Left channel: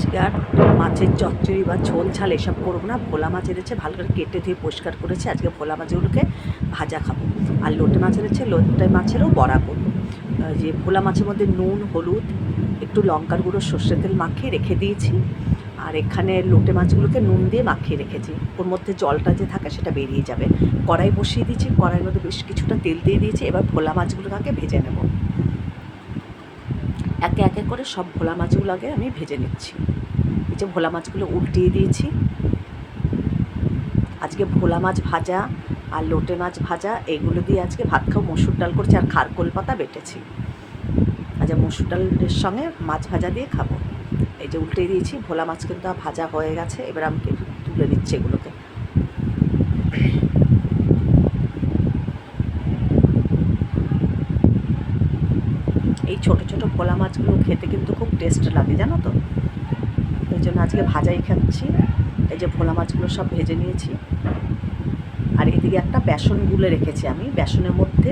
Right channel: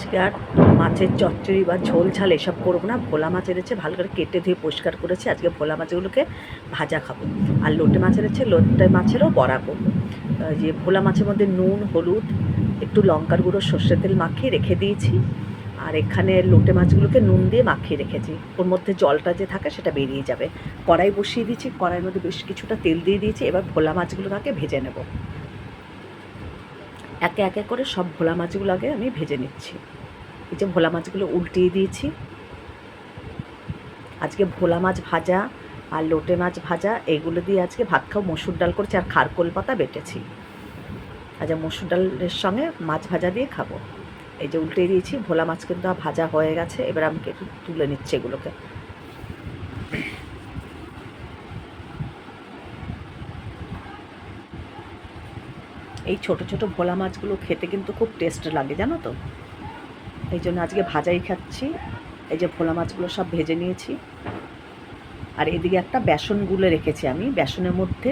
আজকে আর মাছের চচ্চড়ি বা ঝোল ঝাল এসব করবো না। ভোলা মাছ এনেছে, ভালো করে কেটে ধুয়ে পরিষ্কার করেছি। আজকে ভোলা মাছগুলোকে ভাজা খাবো। আর লোটে মাছ এনেছে, লোটে মাছেরও বড়া করবো। যে ভোলা মাছের মধ্যে নুন, হলুদ, একটু লঙ্কার গুঁড়ো, সর্ষের তেল মাখিয়ে রেখে দিয়েছি। আর এখানে লোটে মাছগুলোকে নুন দিয়ে মাখিয়ে রেখেছি। ওর মধ্যে জলটা যে থাকে সেটা বেরিয়ে যাবে। কড়াই বসিয়ে দিয়েছি, কড়াইয়ের মধ্যে বেশ কিছুটা তেল দিয়ে দিয়েছি। এবার ভোলা মাছগুলোকে আগে ভেজে নেব। একে একে করে সব ভোলা মাছগুলো আগে আমি ভেজে নিচ্ছি। এই যে ভোলা মাছগুলো উল্টিয়ে দিয়েছি। আজকে ভোলা মাছ ভাজা আর লোটে মাছ ভাজা এগুলো দিয়ে আজকে ভাত খাও। মসুর ডাল করেছি আর খারকোল পাতা বেটেছি। আচ্ছা, মসুর ডালের সঙ্গে মাছ ভাজা দিয়ে খাবো। এই যে উল্টে দিয়েছি, ভোলা মাছ কিন্তু ভাজা হয়ে গেছে। এবার আমি একটু তুলে নিচ্ছি এগুলোকে। এই ছোটো ছোটো ভোলা মাছগুলো খেতে কিন্তু খুব টেস্ট লাগে, জানো তো। এই জন্য আজকে ভাজাই খাচ্ছি। এই যে ভোলা মাছগুলো সব ভেজে নিয়েছি। আর এদিকে একটা বেসন গুলে রেখেছি আমি। বেসনের মধ্যে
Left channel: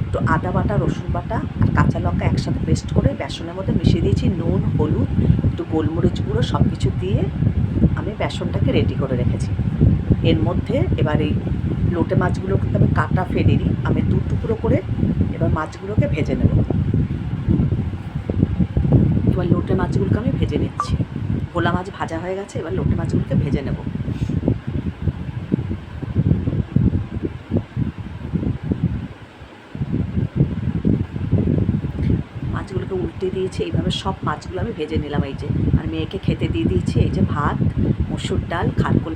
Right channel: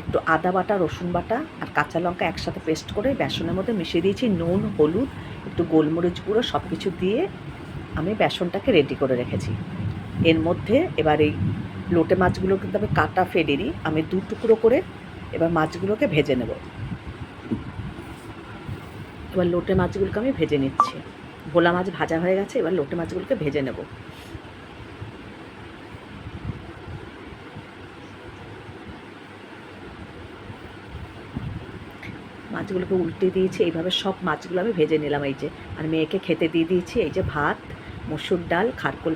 একটু আদা বাটা, রসুন বাটা আর কাঁচা লঙ্কা একসাথে পেস্ট করে বেসনের মধ্যে মিশিয়ে দিয়েছি। নুন, হলুদ, একটু গোলমরিচ গুঁড়ো সব কিছু দিয়ে আমি বেসনটাকে রেডি করে রেখেছি। এর মধ্যে এবার এই লোটে মাছগুলো কিন্তু আমি কাটা ফেলিনি, আমি দু টুকরো করে এবার মাছগুলোকে ভেজে নেব। এবার লোটে মাছগুলোকে আমি ভেজে নিচ্ছি। ভোলা মাছ ভাজা হয়ে গেছে, এবার লোটে মাছগুলোকে ভেজে নেব। মাছগুলোকে উল্টে দিয়েছি। এইভাবে সব মাছগুলো আমি ভেজে নিলাম। এই যে আর মেয়েকে খেতে দিয়ে দিয়েছি। এই যে ভাত, মসুর ডাল, খারকোল